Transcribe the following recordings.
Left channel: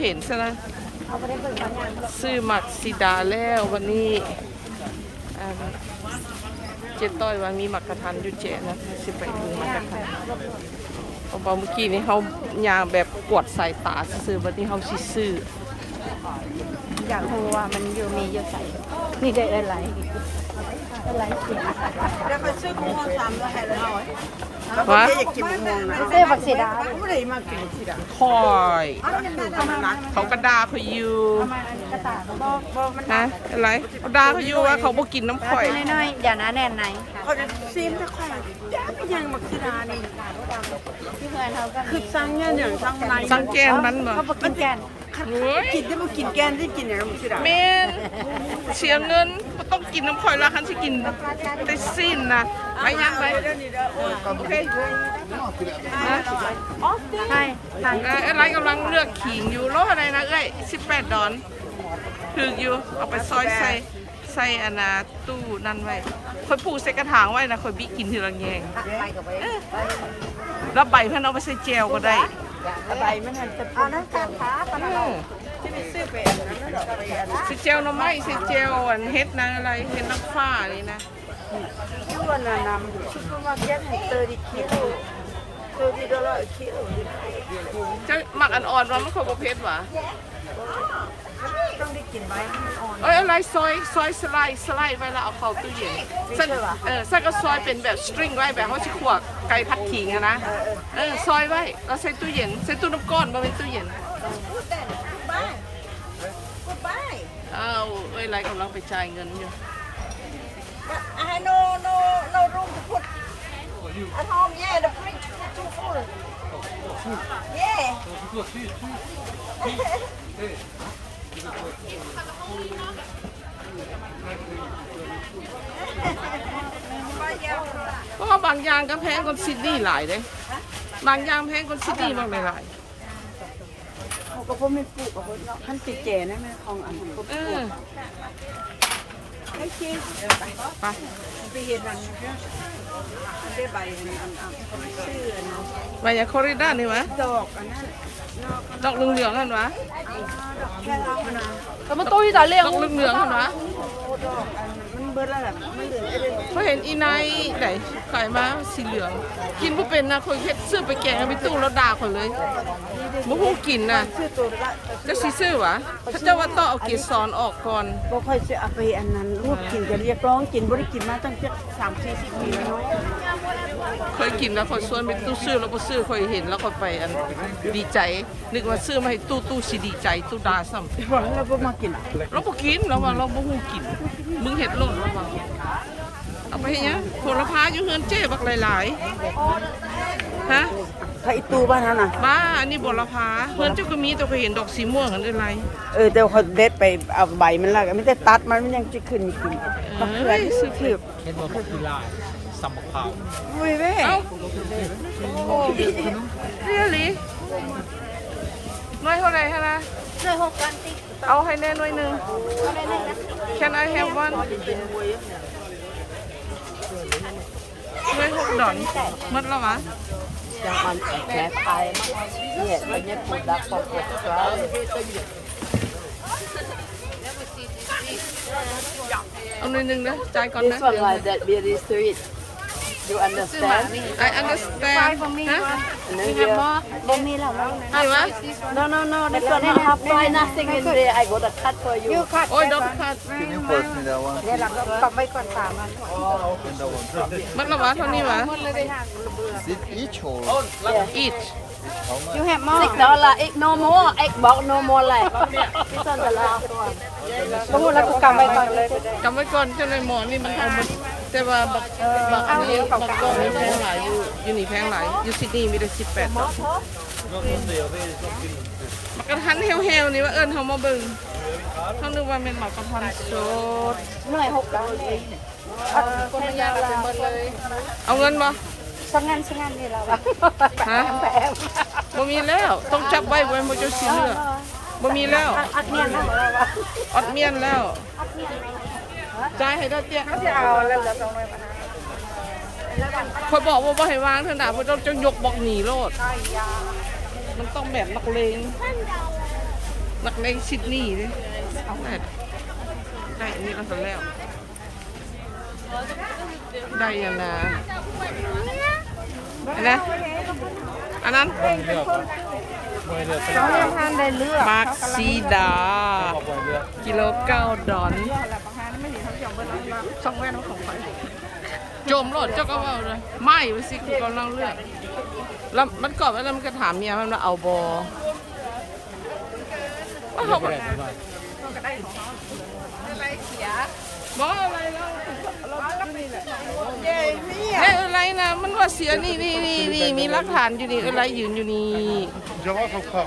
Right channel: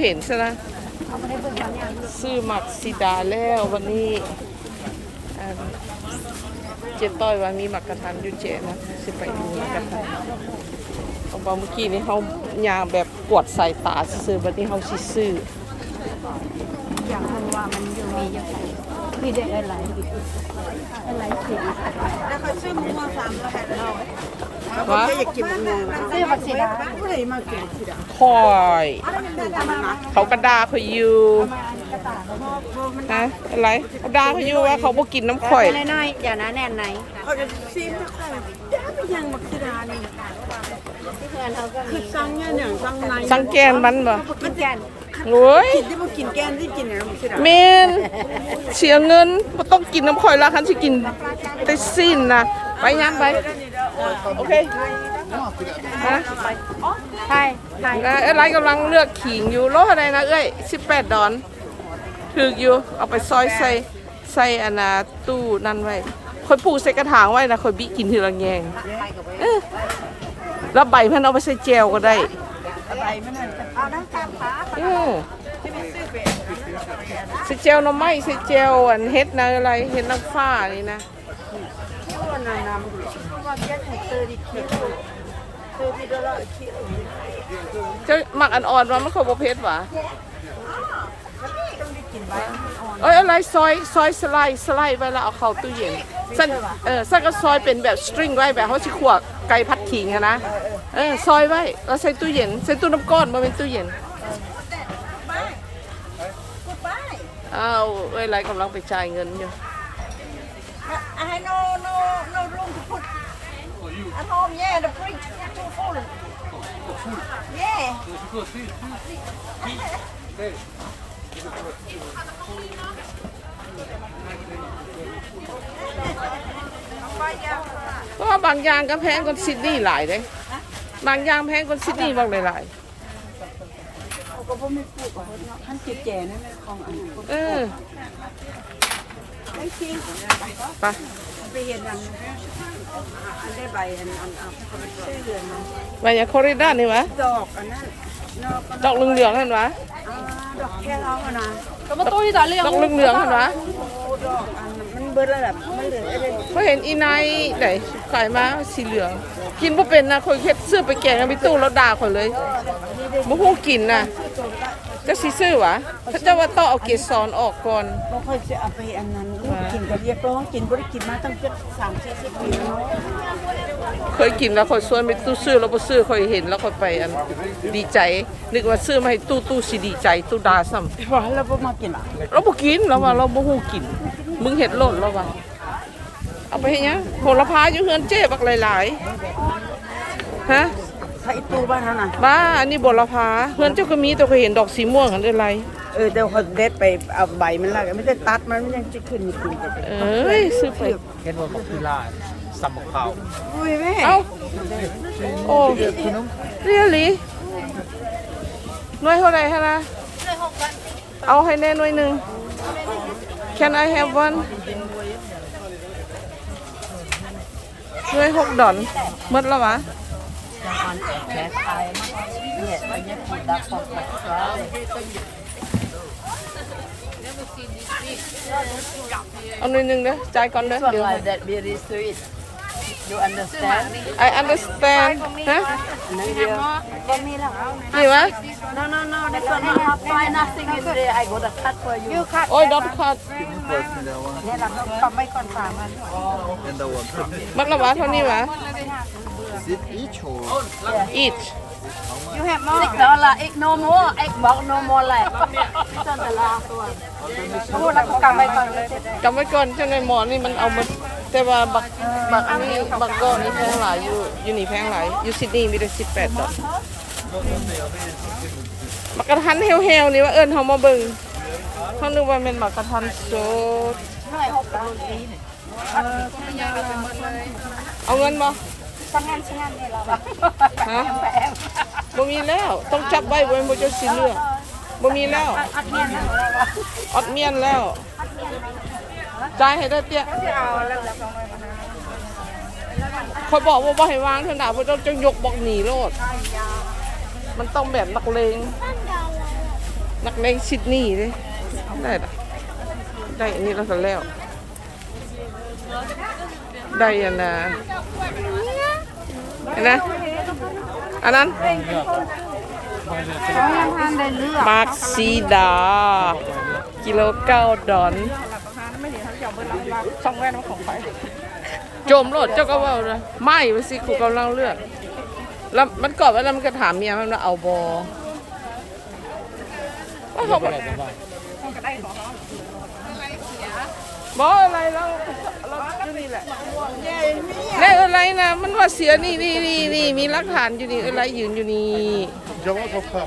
เห็นซะนะซื้อหมักสีดาแล้ววันนี้เจต้อยว่ามีหมักกระทันอยู่เจนะสิไปดูหมักกระทันเพราเมื่อกี้นี้เขายางแบบกวดสายตาซื้อวันนี้เขาสิซื้ออยากรู้ว่ามันอยู่มีอยู่ใส่มีได้อะไร วะซื้อบักสีดาคอยเขากระดาเขาอยู่มาอันนี้กระตาบ่บ่มันฮะอะไรเขาด่าเขาอยู่ว่าเขาบ่กินน้ำข่อยเป็นน้อยๆอย่านะแน่นไหนเขาจะซีมไปค่อยจ้าไปยังมักซิดานี่ที่เพื่อนเขาก็คืมีอสั่งเนี่ยอย่างสั่งอะไรสังแกนมันบ่เขาบอกกินแกน โอ้ยกินได้บ่กินแกนได้กินอย่างมักซิดาเมนเสียเงินบ่ต้องกินน้ำข่อยแล้วคันสิกินได้สิ้นนะไปยังไปเดี๋ยวนี้เด้อโอ้ยโอเคฮะใช่ใช่นะเอ้ยไรกำลังเลือกขิงอยู่โลอะไรนะเอ้ย18ดอนถืออยู่เอาไปซอยใส่ใส่อันนาตู้นั่นไว้คอยปลูกใส่กระถางไว้นะคอยบิกินทีละแงงเอ้ยแล้วใบมันเอาไปใส่แจวก็ได้ ใบมันน่ะจะเอาน้ำตาลฟ้าอืมใส่แจวหน่อไม้ใส่แจวอันเฮ็ดนะอะไรเฮ็ดน้ำฟ้านี่นะคิดว่านานามันซุปเปอร์มาร์เก็ตให้30กิโล30ดอลลาร์กิโลจะหมักอันอ่อนมามันเขาบ่เผ็ดหวะ ต้องได้กินใบอ่อนเอ้ยอะไรซอยซอยสไลด์สไลด์ไว้แล้วเอาเข้าตู้เย็นสั่นเออสั่นก็ซอยเป็นแบบสตริงไว้แบบเขาสิขวกไก่พัดขิงอะนะเออซอยไว้แล้วใส่ตู้เย็นใส่ตู้น้ำก้อนมาเป็นตู้เย็นอ้าวเอ้ยไรกำลังไปจ่ายเงินอยู่ I had no no no room to put at home yeah the fridge too full yeah เพราะว่าบางอย่างก็แพงกว่าซิดนีย์หลายเด้บางอย่างแพงกว่าซิดนีย์บางหลายเขาก็บ่มีปลูกกับเพิ่นเนาะคันสิแก่นั่นแม่ของอันนั้นๆเออไอ้ที่ไปไปเห็นอันอันได้ใบอันอันอันชื่อเนาะไปอย่างคอริด้านี่วะดอกอันนั้นดอกดอกเหลืองๆนั่นวะอ่าดอก แค่เราอะนะก็มาตู้นี่ต่อเรียงดอกเหลืองๆนั่นวะโอ้ดอกอันนั้นมันเบิดแล้วแบบมันเหลืองไอ้เด็กเขาเห็นอีไนท์ไหนขายมาสีเหลือง กินบ่เป็นนะคนเฮ็ดซื้อไปแกงไปตู้แล้วด่าคนเลยบ่ฮู้กินน่ะชื่อตัวละ ก็สิซื้อหวะถ้าเจ้าว่าต้องเอาเกสรออกก่อนบ่ค่อยจะเอาไปอันนั้นลูกกินก็เรียกร้องกินบ่ได้กินมาตั้ง7 3 40ปีแล้วเนาะเคยกินแล้วคอยชวนไปตู้ซื้อแล้วบ่ซื้อคอยเห็นแล้วคอยไปอันดีใจ นึกว่าซื้อมาให้ตู้ตู้สิดีใจตู้ด่าซ้ำว่าแล้วบ่มากินอะเราบ่กินเราว่าเราบ่ฮู้กิน มึงเฮ็ดโลดแล้วว่าเอาไปเฮ็ดหยังโหระพาอยู่เฮือนเจ๊บักหลายๆฮะ ถ้าอีตู้บ้านนั้นน่ะบ้าอันนี้บรพาเพื่อนเจ้าก็มีแต่ก็เห็นดอกสีม่วงอันอะไรเออเดี๋ยวเขาเด็ดไปเอาใบมันละไม่ได้ตัดมันมันยังจะขึ้นอยู่ขึ้นเอ้ยซื้อไปเห็นว่ามันคือลาสัมมะขาวอุ้ยแม่เอ้าโอ้เรียลีหน่วยเท่าไหร่ฮะนะเอาให้แน่หน่วยหนึ่ง Can I have one หน่วยหกดอนหมดแล้ววะ เอาหน่วยหนึ่งเด้อจ่ายก่อนเด้อเดี๋ยวให้ that very sweet you understand I understand ฮะบ่มีแล้วนี่วะ no no no this one I have Why nothing in there I got a cut for you โอ้ยดอทคัด Can you put in that one ตบไว้ก่อนสามอัน and that one มัดละวะ เท่านี้วะ is it each or eat how much you have more six dollar egg no more egg box no more เลยพูดแล้วก็กำไว้ก่อนเลยจำไว้ก่อนเจ้าในหมอนี่มันเอามาแต่ว่าบักบักอันนี้บักก้อนนี่แพงหลายอยู่อยู่นี่แพงหลายอยู่ซิดนีย์มีแต่สิบแปดดอกบักกระทันเฮลๆนี่ว่าเอิญเขามาเบิ่งเขานึกว่าเป็นบักกระทันสดเมื่อหก dollar เองเอาเงินบ่ ฉันนั่นฉันนั่นเลยเราฮะบ่มีแล้ว ต้องจับไว้บ่ให้บ่เจ้าสิเลือกบ่มีแล้วอดเมียนแล้วจ่ายให้ได้เตี้ยคอยบอกว่าบ่ให้วางเถอะนะเพราะเจ้าจะยกบอกหนีโลด มันต้องแบบนักเลงนักเลงซิดนีย์เลยได้ละได้อันนี้ก็จะแล้วได้อันนะ อันนะอันนั้นเขายังทานได้เลือกมาร์คซีดา กิโลเก้าดอนหลับประทานไม่ดีทั้งเจ้าเบิ้ลรับสองแว่นของไฟโจมรถเจ้าก็ว่าเลยไม่ไปสิกูกำลังเลือกแล้วมันกรอบไว้แล้วมันก็ถามเมียมันว่าเอาบอว่าเขาบอก ต้องกระได้ของเขาบออะไรแล้วเรานี่แหละเย่มีไม่อะไรนะมันว่าเสียนี่นี่นี่นี่มีหลักฐานอยู่นี่อะไรยืนอยู่นี่ Jawab apa?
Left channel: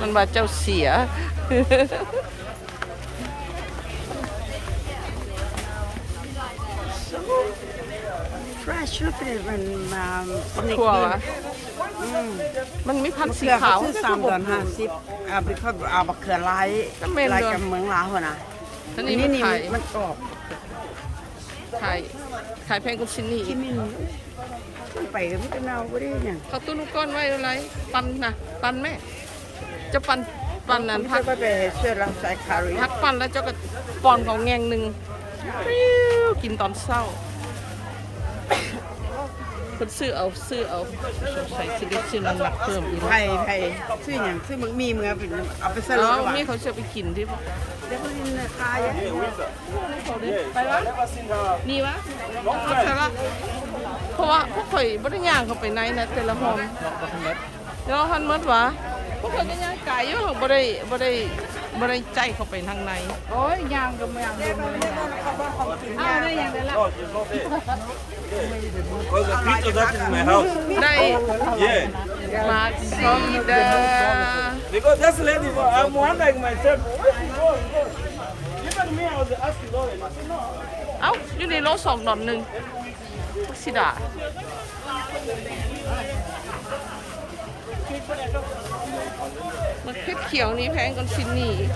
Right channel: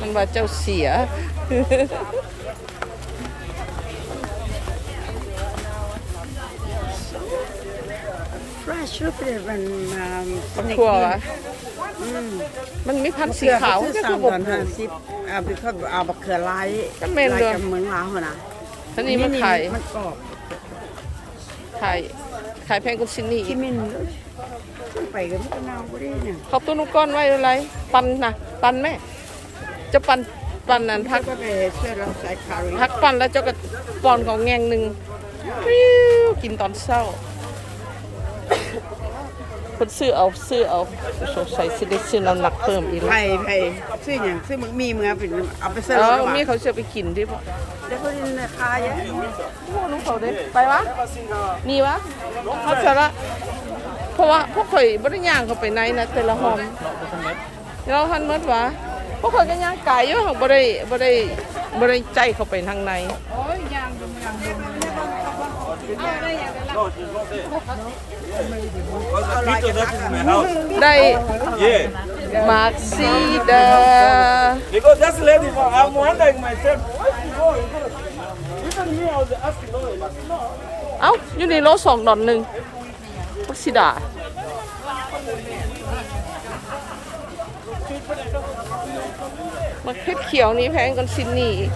มันว่าเจ้าเสีย fresh รูปเป็นมาบักทั่ววะมันมีพันธุ์สีขาวคือก็สาคืมอดบอนห้าสิบอ่าเป็นข้าวเอาบักเขือลายก็แม่นลายเด้อกับเมืองลาวหั่นนะ ทั้งนี้มันขายมันกรอบขายขายแพงกว่าซินนี่อีที่กไม่มีขึ้นไปก็ไม่ได้เนาบ่ได้เนี่ยเขาตุ้นก้อนไว้อะไร ปันนะปันแม่ จะปันปันนั้นพัพักกก็ไปช่วยรังสายคารีพักปันแล้วเจ้าก็ปอนของแงงหนึ่งปิ้วกินตอนเช้าคนซื้อเอาซื้อเอาสงสัยสิได้ซื้อน้ำหนักเพิ่มอีกแล้วไผ่ไผ่ซื้ออย่างซื้อมึงมีมึงเอาไปเอาไปซื้ออ๋รอถว่ะนี่เขาจะไปกินที่พ่อเดี๋ยวเขาดินราคาอย่างนี้ลูก เขาดิไปวะมีวะเขาสาระเพราะว่าพวกข่อยบริย่างเขาไปไหนนะแต่ละหอมเราหันหมดวะ พวกข่อยก็ย่างไก่อยู่เขาบ่ได้บ่ได้บ่ได้ใจเข้าไปทางในโอ้ยยางดูไม่ยาง Because the picture that is my house. ได้ Yeah. มาซีเดอ Because that lady, I'm wondering myself, where she go? Even me, I was asking Lauren. I said, no. เอ้าอยู่ในโลสองดอนหนึ่งทุกสิดา มาเพชรเขียวนี่แพงกันซินนี่อีก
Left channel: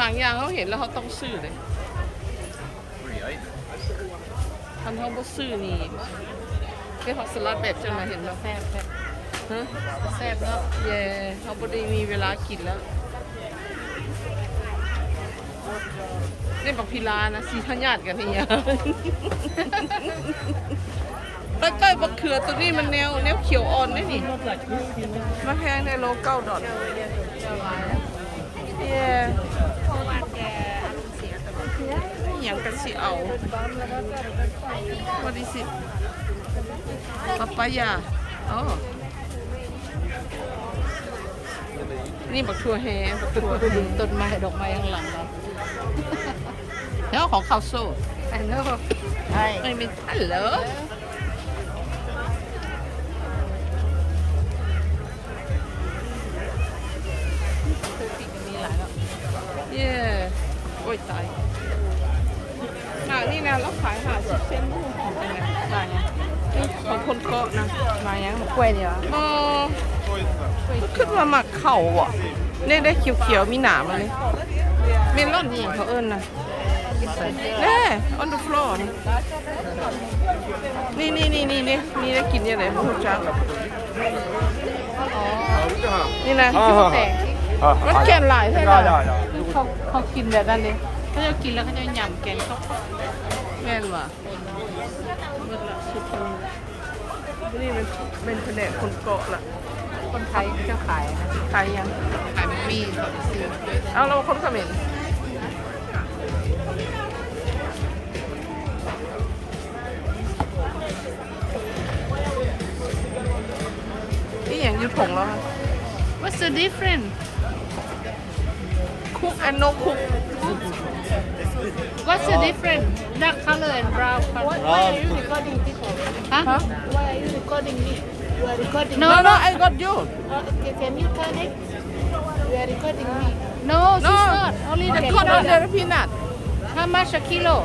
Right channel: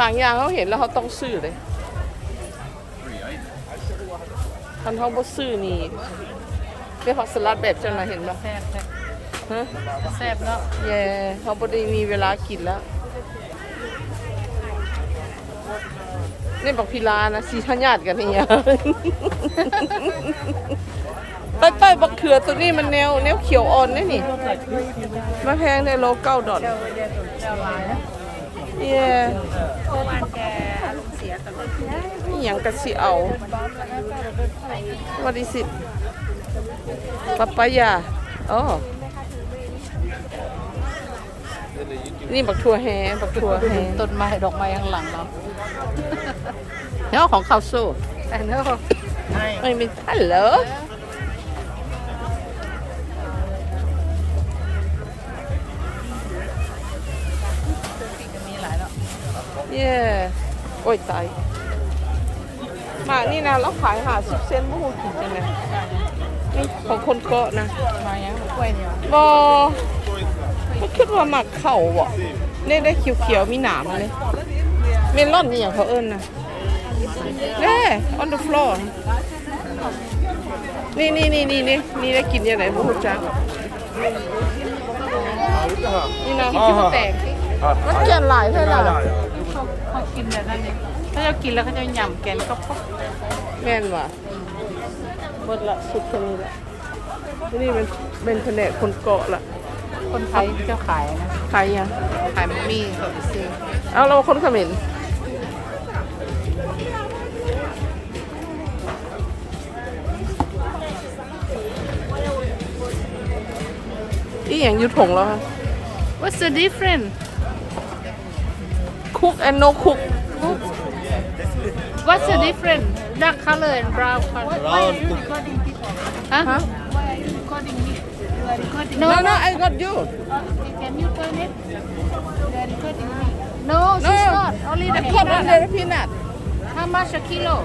บางอย่างเขาเห็นแล้วเขาต้องซื้อเลยทันเขาบ่ซื้อนี่ได้ผักสลัดแบบจะมาเห็นบ่แซ่บแซ่บฮะแซ่บเนาะเย่เขาพอดีมีเวลากินแล้ว นี่บอกพิลานะสีพญาติกันเนี่ยใต้ใต้บักเขือตัวนี้มันแนวแนวเขียวอ่อนนี่นี่มาแพงในโลเก้าดอลเย่นี่อย่างกันสิเอาวันที่สิปปายาอ๋อนี่บักทัวแฮบักทัวแฮต้นไม้ดอกไม้ข้างหลังเนาะเนาของข้าวโซ่ไอ้เนาะไม่มีฮัลโหลเลยเย่โอ้ยตายหมานี่นะแล้วขายหาสิบเซนต์บุ้งถึงจังเลยมาอย่างนี่ของคนเกาะนะมาอย่างมากล้วยดีวะบอก็ขึ้นมาหมักเข่าบ่เนี่ยได้เขียวๆมีหนามมาเลยเมลอนนี่อย่างเขาเอิ้นนะ แน่ on the floor นะนี่นี่นี่นี่นี่นี่ได้กินยังไงบุ้งจักนี่นะคิดว่าแตกมันแก่นหลายใช่ไหมเขากินแบบนั้นเลยถ้าจะกินแล้วเขาจะหย่ำแกงก็พกแม่นว่ะเบิดละสุดแค่นี้ละนี่เป็นเป็นแผนกคนเกาะละคนไทยจะขายขายยังขายบะหมี่สดซีเอาเราคนเขมิ้น อีอย่างอยุถงแล้ว What's the difference คุกแอนโนคุก What's the difference dark color and brown color Round cook. ฮะฮะ No no no no I got you no No. she's not only the I got on peanut the peanut how much a kilo